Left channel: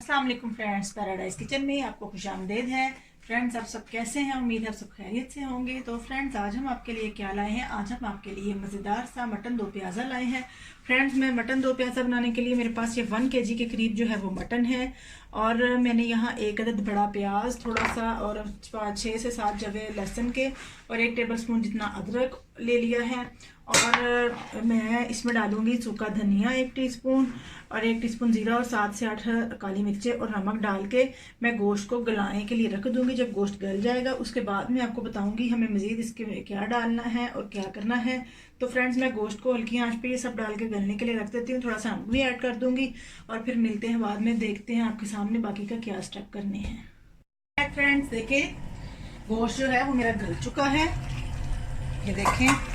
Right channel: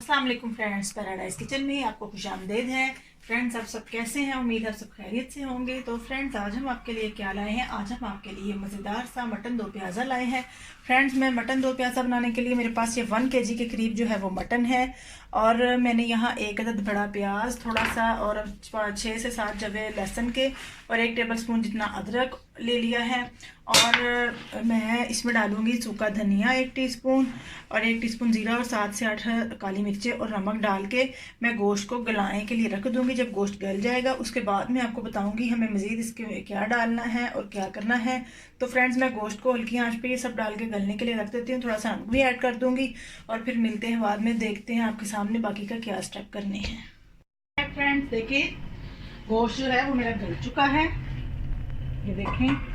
अस्सलाम वालेकुम friends, paradise kitchen में आपको खुशामदीद है। फ्रेंड्स, आप सब कैसे हैं? उम्मीद है आप सब खैरियत से होंगे। तो फ्रेंड्स, आज हम आपके लिए क्या लाए हैं? आज हम आपके लिए मज़ेदार सा मटन दो प्याज़ा लाए हैं। फ्रेंड्स, मैं मटन दो प्याज़ा बनाने के लिए मेरे पास ये 1 kg के करीब जो है वो मटन है। और मैंने यहाँ एक अदद बड़ा प्याज थोड़ा सा और 6 से 7 जवे लहसुन के और 1 टेबलस्पून जितना अदरक ले लिया है। और मैं इसमें डालूंगी सूखा धनिया 1 टीस्पून और 1 टीस्पून जीरा और 7 से 8 काली मिर्चें और नमक डाल के मैं गोश्त को गलाने के लिए रख दूंगी। जब गोश्त गल जाएगा उसके बाद मैं आपको बताऊंगी हमें मज़ीद इसके क्या डालना है और क्या करना है। तो फ्रेंड्स, मैं गोश्त को हल्की आंच पे ये सब डाल के गलने के लिए रख देती हूँ। थोड़ा सा नमक भी ऐड कर दूंगी और फिर मिलते हैं बाद में, देखते हैं आपके सामने बाकी का क्या स्टेप करने हैं। फ्रेंड्स, देखिए गोश्त जो है वो मेरा गल चुका है, ये देखें।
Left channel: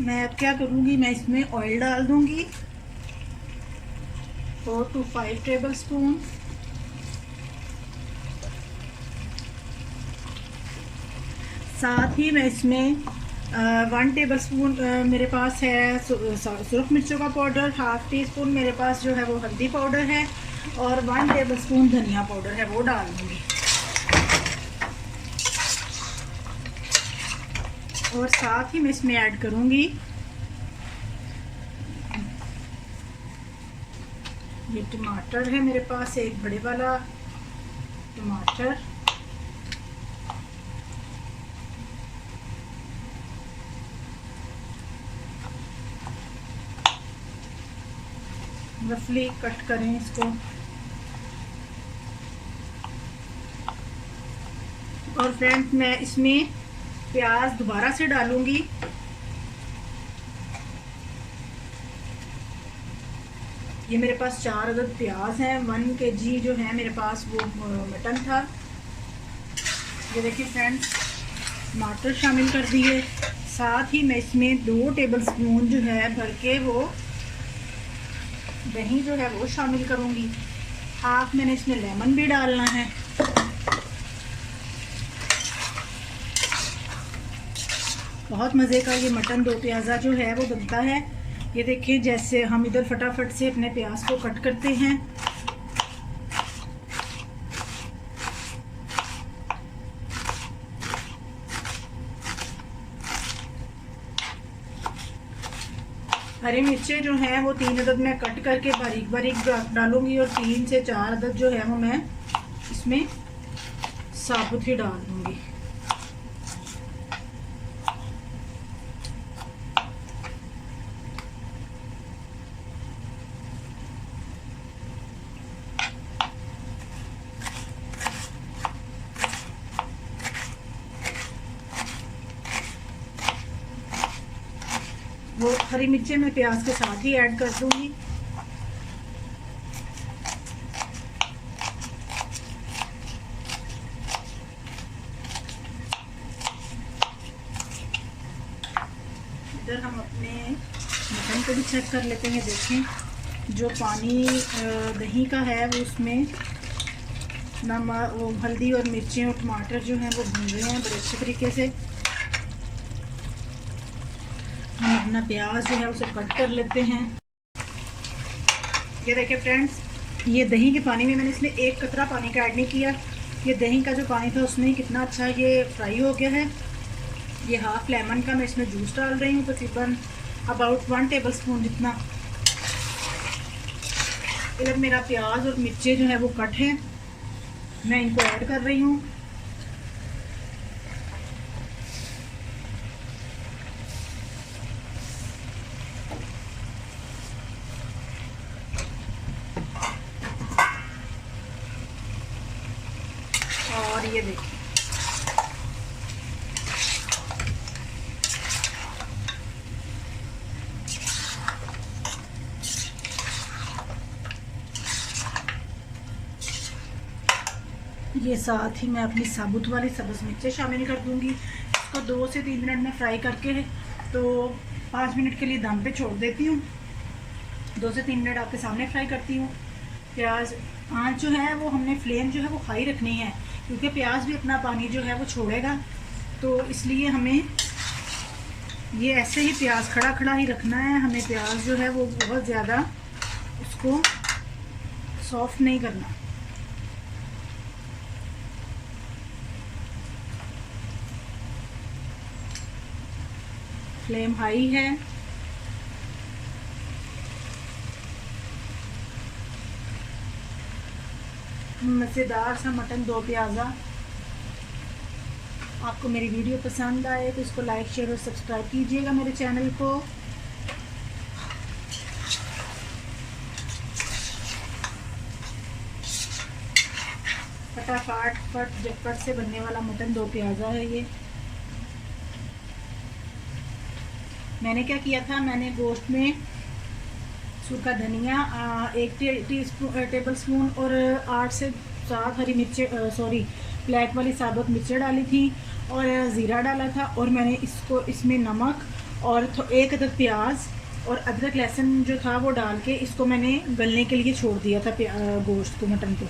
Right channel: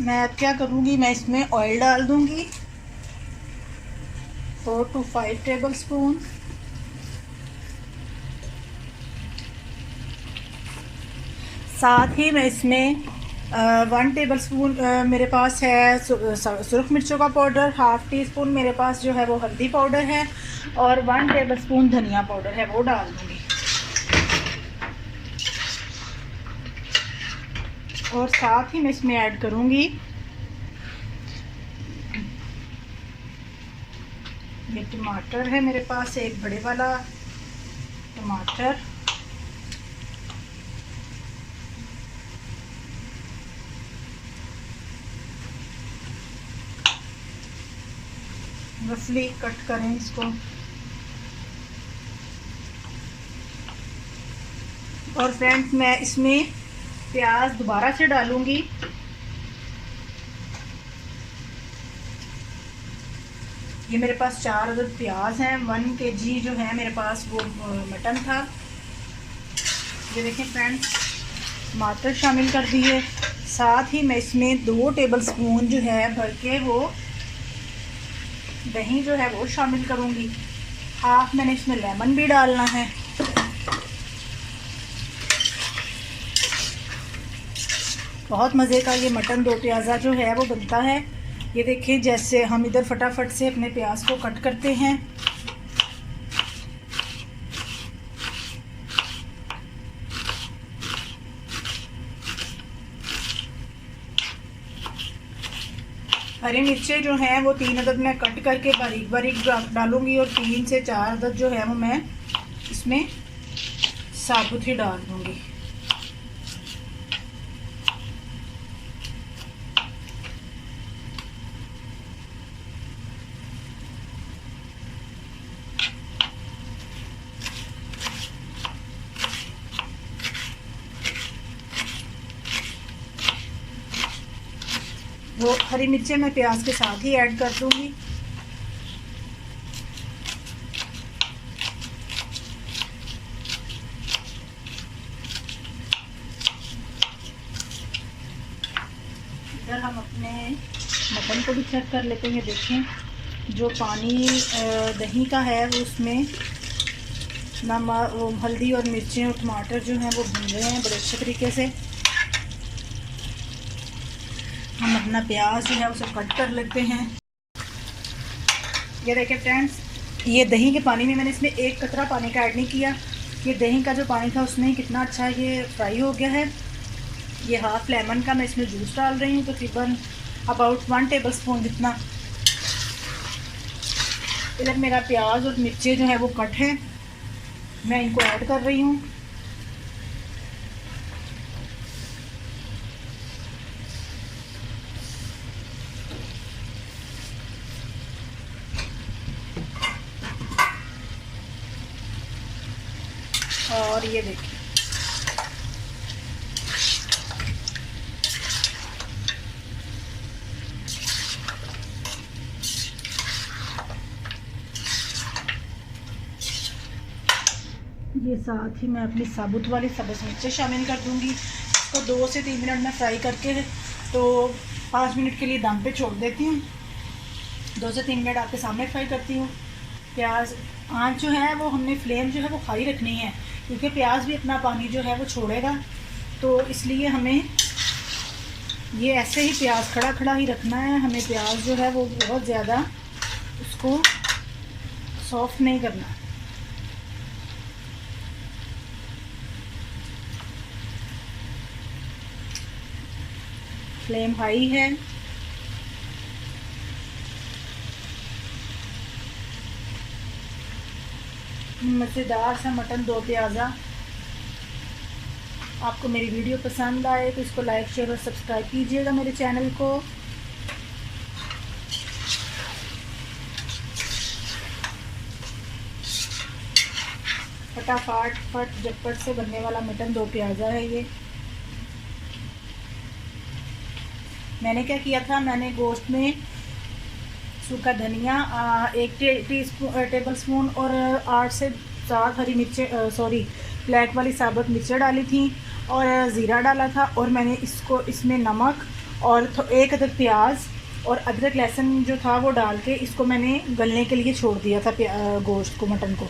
मैं अब क्या करूँगी, मैं इसमें ऑयल डाल दूँगी 4 to 5 टेबलस्पून। साथ ही मैं इसमें 1 टेबलस्पून मेरे पास है सुरख मिर्चों का पाउडर, 1/2 टीस्पून मेरे पास जो है वो हल्दी पाउडर है और 1 टेबलस्पून धनिया पाउडर है, वो डाल दूँगी। और साथ ही मैं इसमें ऐड करूँगी ये टमाटर है मेरे पास, एक बड़े वाला टमाटर, रफली कट करें इसको। और फ्रेंड्स, मैं इसमें प्याज दोबारा से डालूंगी। ये मेरे पास 4 अदद प्याज हैं। 1 kg जो है मेरे पास वो मटन था। ये देखिए फ्रेंड्स, टमाटर शामिल कर दिए। साथ ही मैं इसमें 2 टेबलस्पून जो है भर के वो दही जो है वो शामिल करूंगी। हाफ मैंने इसमें लेमन भी डालना है। बहुत मज़े का ये मटन दो प्याज़ा जो है वो बनता है। ये देखिए, जैसे हम इधर फटाफट से अपने प्याज को कट करते हैं, हरी मिर्चें जो हैं वो 3 अदद मैं कट करके बारीक बारीक डालूंगी और 3 से 4 अदद जो है वो मैं इसमें साबुत ही डाल दूंगी। वो हरी मिर्चें मैं प्याज के साथ ही ऐड कर दूंगी। इधर हम अपने मटन को भी चेक कर लेते हैं। देखें, जो पानी दही का है वो उसमें नमक, हल्दी और मिर्चें और टमाटर जो हैं वो भून रहे हैं बड़े अच्छे तरीके से। हम अपना प्याज जो है उसे कट कर लेते हैं। ये देखिए फ्रेंड्स, ये दही के पानी में मैंने इसमें एक कतरा पानी का ऐड नहीं किया। ये दही का जो पानी था उसमें कितना अच्छा ये फ्राई हो गया है। ये हाफ लेमन का मैं इसमें जूस डाल रही हूँ, तकरीबन अबाउट 1 टेबलस्पून जितना। इधर मेरा प्याज और मिर्ची जो है वो कट है, मैं इनको ऐड कर रही हूँ। और ये देखिए, ये साथ ही मैं अपनी साबुत वाली सब्ज़ मिर्चें शामिल कर दूंगी। इसको 2 से 3 मिनट में फ्राई करके तो 5 मिनट के लिए दम पे छोड़ देती हूँ। 2 से 3 मिनट आपके सामने फ्राई करती हूँ। प्याज आँच जो है वो हमने फ्लेम जो है वो हाई रखनी है, क्योंकि प्याज भी अपना पानी जो है वो छोड़ेगा। तो इसलिए हमें ये ऐसे ही प्याज खड़ा खड़ा ही रखना है हमें। प्याज जो है वो बहुत ज़्यादा उसको सॉफ्ट नहीं करना। फ्लेम हाई है। मज़ेदार सा मटन दो प्याज़ा। आपको मेरी वीडियो पसंद आए तो इसको लाइक शेयर और सब्सक्राइब कीजिएगा मेरे चैनल को। फटाफट झटपट से बनने वाला मटन दो प्याज़ा है ये। मैंने क्या किया था, मैंने गोश्त में सूखा धनिया 1 टेबल स्पून और 8 से 7 हरी मिर्चें ब्लैक वाली साबुत मिर्चें डाली थी और ज़ीरा डाला था। और मैंने इसमें नमक और 1 अदद प्याज और अदरक लहसुन जो था वो डाल के इसको मैंने गलने के लिए छोड़ दिया था गोश्त को, मटन को।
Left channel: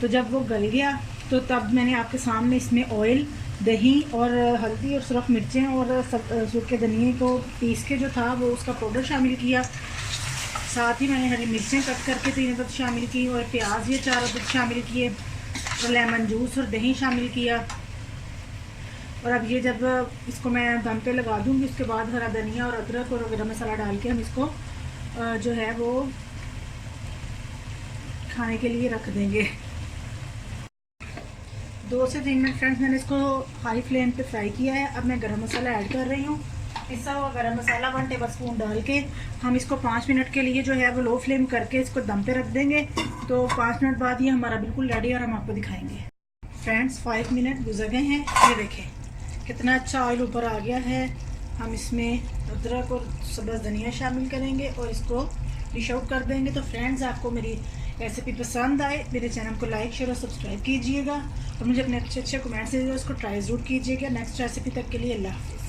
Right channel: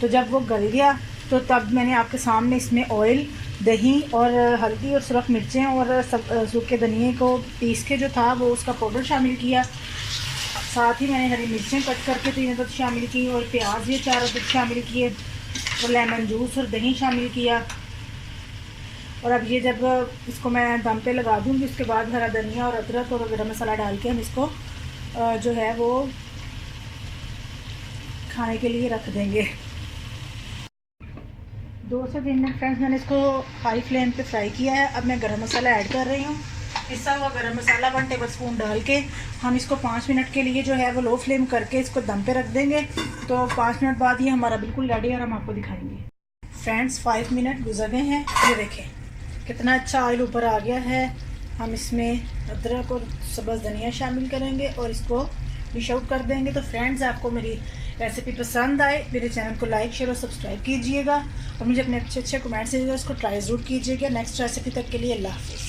तो जब वो गल गया तो तब मैंने आपके सामने इसमें ऑयल, दही और हल्दी और सुरख मिर्चें और सूखे धनिए को पीस के जो था वो उसका पाउडर शामिल किया। साथ ही मैंने हरी मिर्चें कट करके 3 अदद शामिल की और प्याज ये 4 अदद शामिल किए और लेमन जूस और दही शामिल किया। और अब ये जब इसको मैं दम पे लगा दूँगी उसके बाद हरा धनिया और अदरक और गरम मसाला डाल के हम इसको जो है वो खाने के लिए रख देंगे। 2 से 3 मिनट फ्रेंड्स मैंने इसको हाई फ्लेम पे फ्राई किया है। अब मैं गरम मसाला ऐड कर रही हूँ। पिसा हुआ गरम मसाला 1 टेबल स्पून डाल के हम इसको 5 मिनट के लिए जो है वो लो फ्लेम करके इसको दम पे रख देंगे। तो 5 मिनट बाद ये हमारा बिल्कुल रेडी और हम आपको दिखाएंगे। फ्रेंड्स 5 मिनट गुजर गए हैं, ये देखें कितना अच्छा ऑयल ऊपर आ गया है। हम इसमें अदरक और सब्ज़ धनिया शामिल करेंगे और इसको डिश आउट कर देंगे। तो फ्रेंड्स आपको मेरी रेसिपी पसंद आए मेरे चैनल को लाइक शेयर और सब्सक्राइब कीजिएगा और मुझे अपने अच्छे कमेंट्स दीजिएगा, उसको ट्राई ज़रूर कीजिएगा। नेक्स्ट रेसिपी तक के लिए अल्लाह हाफ़िज़।